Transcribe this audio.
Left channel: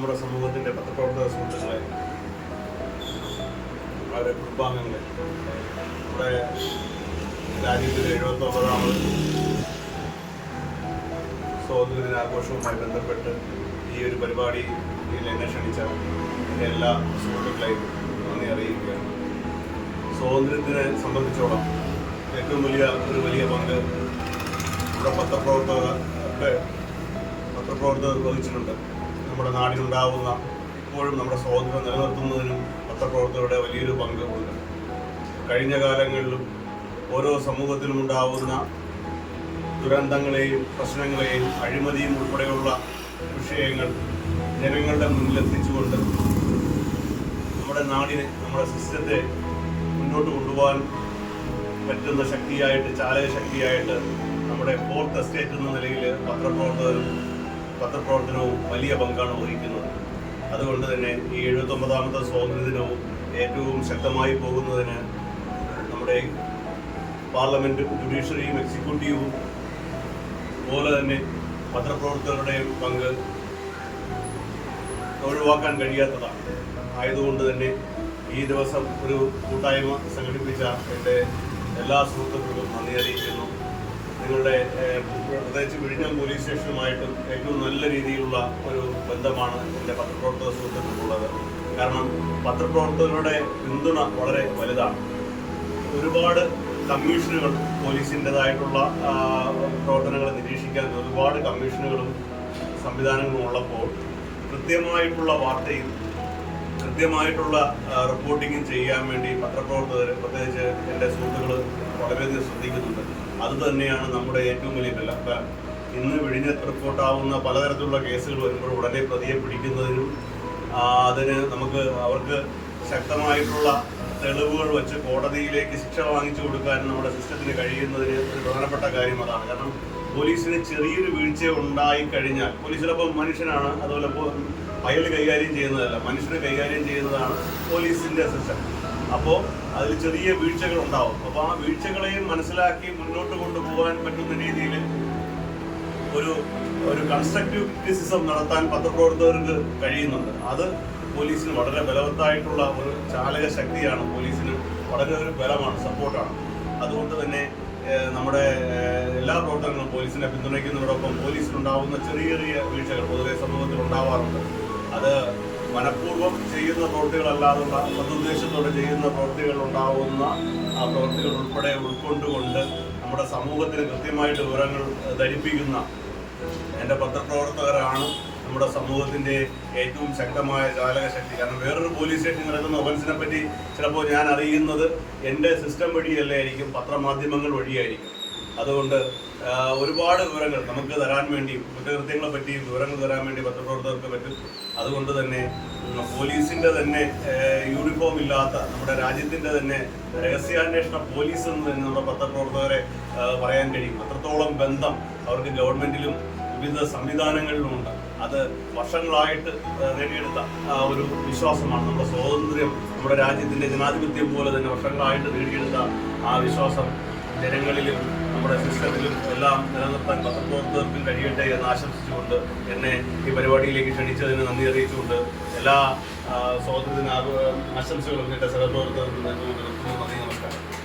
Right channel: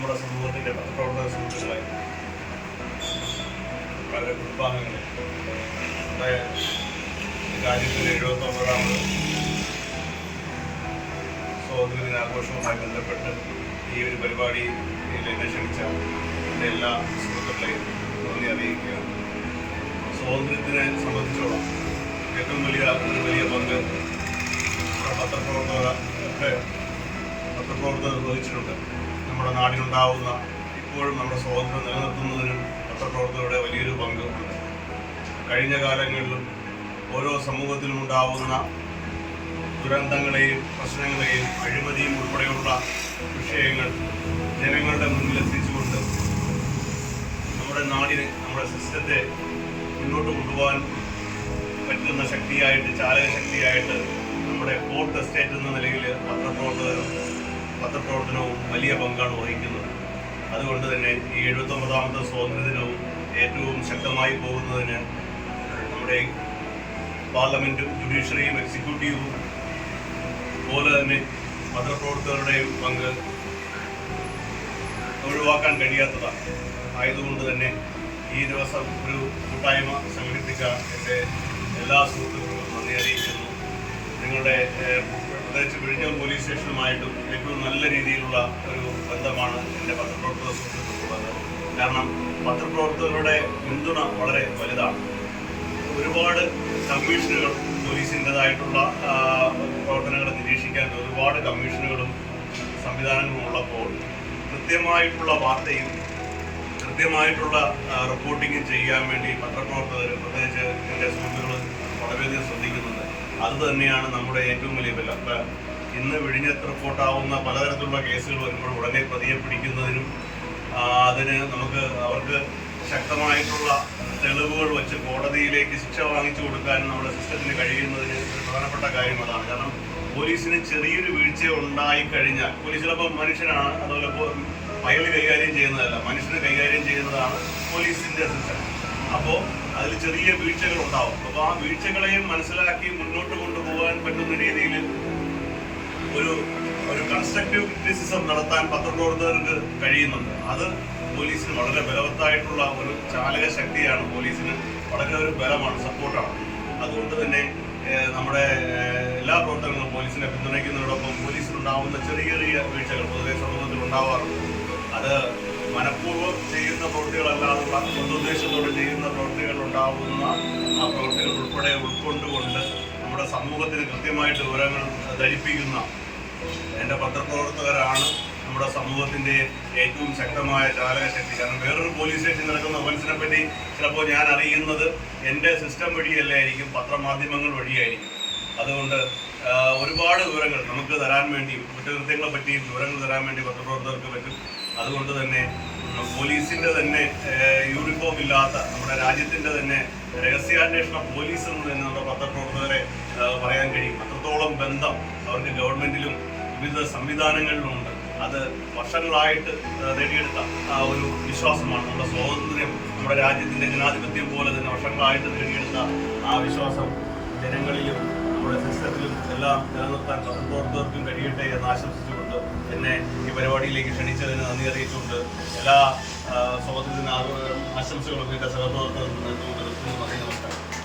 നമ്മുടെ സമൂഹത്തിന്റെ പത്രപ്രവർത്തക സുഹൃത്തുക്കളെ വളരെ കുടുംബാംഗങ്ങളെ. നമ്മുടെ രാജ്യത്തിലെ എഴുപത്തൊമ്പതാമത് സ്വാതന്ത്ര്യ ദിനാഘോഷവുമായി ബന്ധപ്പെട്ട് ഈ ഒരു പരിപാടി എന്നെ ക്ഷണിച്ച എന്റെ എല്ലാ സുഹൃത്തുക്കളെയും നന്ദി അറിയിക്കുകയാണ്. സ്വാതന്ത്ര്യത്തിനെ സംബന്ധിച്ചോളം ഏറ്റവും വലിയ ഒരു വലിയ പങ്ക് നമ്മുടെ പത്രപ്രവർത്തക ഒക്കെ പത്രപ്രവർത്തകർ വഹിച്ചിട്ടുണ്ട്. നമ്മുടെ നാടിനുണ്ടാവുന്ന ഇപ്പോഴും നമ്മുടെ സ്വാതന്ത്ര്യം നിലനിർത്തുന്നതിനും പത്രപ്രവർത്തകരുടെ വലിയൊരു പങ്ക്. ഉണ്ട് കഴിഞ്ഞ കാലങ്ങളിലും ഓരോ സമൂഹത്തിലും ഉണ്ടാവുന്ന ദുരന്തങ്ങളെയും പ്രശ്നങ്ങളെയും അഴിമതിയും ഉൾപ്പെടെയുള്ള വിഷയങ്ങൾ ജനങ്ങളുടെ മുന്നിലെത്തിച്ചുകൊണ്ട് നമ്മുടെ നാടിനെ നമ്മുടെ സിസ്റ്റത്തെ മുന്നോട്ട് കൊണ്ടുപോകാൻ പറ്റുന്ന ശക്തിയായിട്ട് ചാലക ശക്തിയായിട്ട് നമ്മുടെ ഫോർത്ത് എസ്റ്റേറ്റ് എന്ന നിലയിൽ പത്രപ്രവർത്തകരും പത്രപ്രവർത്തനവും വലിയ പങ്കാണ് വഹിക്കുന്നത്. അതുകൊണ്ട് തന്നെ ഈ എഴുപത്തൊമ്പതാമത്തെ സ്വാതന്ത്ര്യ ദിനവും ഏറ്റവും ശക്തമായി പോകുന്നതിന് നമ്മുടെ പാർലമെന്റും ജുഡീഷ്യറിയും എക്സിക്യൂട്ടീവും അതുപോലെ തന്നെ പത്രപ്രവർത്തകരുടെയും പങ്ക് ഒഴിവാക്കാൻ കഴിയാത്തതാണ്. ആയതുകൊണ്ട് തന്നെ ഈ ദിവസം ഒരു കൂട്ടായ്മ സംഘടിപ്പിച്ച എന്റെ എല്ലാ സുഹൃത്തുക്കളും നന്ദി അറിയിക്കുന്നു. നിങ്ങളുടെ പ്രത്യേകിച്ച് വിഴിഞ്ഞം പോലീസ് സ്റ്റേഷനുമായിട്ടും ഏറ്റവും നല്ല രീതിയിലുള്ള ഒരു ബന്ധമാണ് എന്റെ പത്രപ്രവർത്തക സുഹൃത്തുക്കൾക്കുള്ളത് കാരണം പത്രപ്രവർത്തകരുടെ പിന്തുണ വളരെ വലുതാണ്. ഒരുപാട് കമ്മീഷനുകൾ പോലീസിന്റെതായിട്ടുള്ള പ്രവർത്തനങ്ങളെ നിരീക്ഷിക്കാൻ ഒരുപാട് കമ്മീഷനുകളും സംവിധാനങ്ങളും ഉള്ളപ്പോൾ കൃത്യമായിട്ടുള്ള വാർത്തയും കൃത്യമായിട്ടുള്ള റിപ്പോർട്ടിങ്ങും ചെയ്യാൻ വേണ്ടി പത്രപ്രവർത്തകർ പ്രത്യേകിച്ച് എന്റെ സുഹൃത്തുക്കൾ വളരെയധികം ശ്രദ്ധിക്കുന്നുണ്ട്. അത് തന്നെയാണ് നമ്മുടെ ഏറ്റവും വലിയ ബലം ഇന്ന് വിഴിഞ്ഞത്ത് റിപ്പോർട്ടാവുന്ന പലതരത്തിലുള്ള കേസുകൾ വരുമ്പോൾ ഉടനെ പ്രതിയെ പിടിക്കുന്നതിനും അതിന് നമുക്ക് അവർക്ക് ശക്തമായിട്ടുള്ള തെളിവുകൾ വെച്ച് കോടതിയിലേക്ക് ശിക്ഷ വാങ്ങിച്ചു കൊടുക്കാനും നമ്മുടെ സിസ്റ്റത്തിന് കഴിയുന്നതിന് ഒരു പ്രധാനപ്പെട്ട കാര്യം അതാണ്. കാരണം പോലീസിന് ചെറിയൊരു വീഴ്ച ഉണ്ടായി കഴിഞ്ഞാൽ പോലീസ് ചിലപ്പോൾ മനുഷ്യനാണ് അതുപോലെ ഇപ്പോൾ കൈകാര്യം ചെയ്യുന്നതല്ല മനുഷ്യനെ കൈകാര്യം ചെയ്യുന്നതാണ് പോലീസിന്റെ സിസ്റ്റം. അപ്പോൾ അതിൽ ചെറിയ വീഴ്ചകൾ ഉണ്ടാവും അപ്പോൾ ആ വീഴ്ചകളെയും മനസ്സിലാക്കി മുന്നോട്ട് കൊണ്ടുപോകാൻ പറ്റുന്ന രീതിയിൽ ഒരു ഒരു കൺസ്ട്രക്റ്റീവ് ക്രിറ്റിസിസം നടത്താൻ പത്രപ്രവർത്തകർക്ക് കഴിയുന്നുണ്ട്. അത് പോലീസിന് വളരെ ബലവത്തായിട്ടുള്ള ഒരു ചാലക ശക്തിയാണ്. പോലീസിന് വളരെ ഒരു ബലമാണ് സപ്പോർട്ടാണ്. അതുകൊണ്ട് തന്നെ നമ്മുടെ എല്ലാ പ്രവർത്തനങ്ങളും പോലീസിനെ പിന്തുണയ്ക്കുന്നതോടൊപ്പം പോലീസിനുണ്ടാവുന്ന ചെറിയ ചെറിയ വീഴ്ചകൾ പൊതുവെ സമൂഹത്തിൽ ഉണ്ടാവാറുണ്ട് അത് മനഃപൂർവം ചെയ്യുന്ന പ്രവൃത്തികളല്ലാതുള്ള സതുദ്ദേശത്തോടെ ചെയ്യുന്ന പ്രവൃത്തികൾ ഉണ്ടാവുന്ന ആ പ്രവൃത്തികൾ ഉൾപ്പെടെ ഉൾക്കൊണ്ടുകൊണ്ട് നമ്മുടെ സമൂഹത്തിന് കൃത്യമായിട്ട് വിവരങ്ങൾ ധരിപ്പിക്കുന്ന എന്റെ പത്രപ്രവർത്തകരാണ് നമ്മുടെ സമൂഹത്തിന്റെ ഏറ്റവും ശക്തമായ ചാലക ശക്തി. കാരണം വേറൊരു പോലീസ് സ്റ്റേഷൻ നടക്കുന്ന ഒഫൻസിനെ പറ്റി ചിലപ്പോൾ ഞാൻ അറിയുന്നത് എന്റെ സിസ്റ്റം വഴിയല്ലേ ആയിരിക്കും പത്രമാധ്യമങ്ങൾ വഴിയായിരിക്കും. അതുകൊണ്ട് ഒരുപാട് വിവരങ്ങൾ നമുക്ക് തരാൻ വേണ്ടി കുറ്റകൃത്യങ്ങളെ പറ്റിയും വിവരങ്ങൾ തരാൻ വേണ്ടി പത്രപ്രവർത്തകർക്ക് പറ്റും. അതുകൊണ്ട് തന്നെ പോലീസിന്റെ തന്നെ യൂണിഫോം ഇല്ലാത്ത നമ്മുടെ രാജ്യത്തിന്റെ തന്നെ രഹസ്യാന്വേഷണ പോലീസ് എന്ന് തന്നെ നമ്മുടെ പത്രപ്രവർത്തകരെ പറയാൻ കഴിയും. അത്രത്തോളം ബന്ധം അവർക്ക് ഗവൺമെന്റിലും വിവിധ സംവിധാനങ്ങളിലുമുണ്ട് അത് വർഷങ്ങളായിട്ട് നേടിയെടുത്ത ഒരു വിശ്വാസമാണ്. നമ്മുടെ സ്വാതന്ത്ര്യം നമ്മുടെ രാജ്യത്തിന്റെ ജനാധിപത്യം പോലെ തന്നെ വർഷങ്ങളായിട്ട് നേടിയെടുത്ത ആ വിശ്വാസം ജനങ്ങളിലും നമ്മുടെ സിസ്റ്റത്തിലും എല്ലാം നിലനിർത്താൻ പത്രപ്രവർത്തകർക്കും കഴിയട്ടെ എന്ന് ആശംസിച്ചുകൊണ്ട് എന്നെ ഈ പരിപാടിയിലേക്ക് ക്ഷണിച്ചതിന് നന്ദി അറിയിച്ചുകൊണ്ട് എല്ലാ സ്വാതന്ത്ര്യത്തിന് ആശംസകളും എന്റെ സഹപ്രവർത്തകർക്ക് നൽകുന്നു. നന്ദി നമസ്കാരം.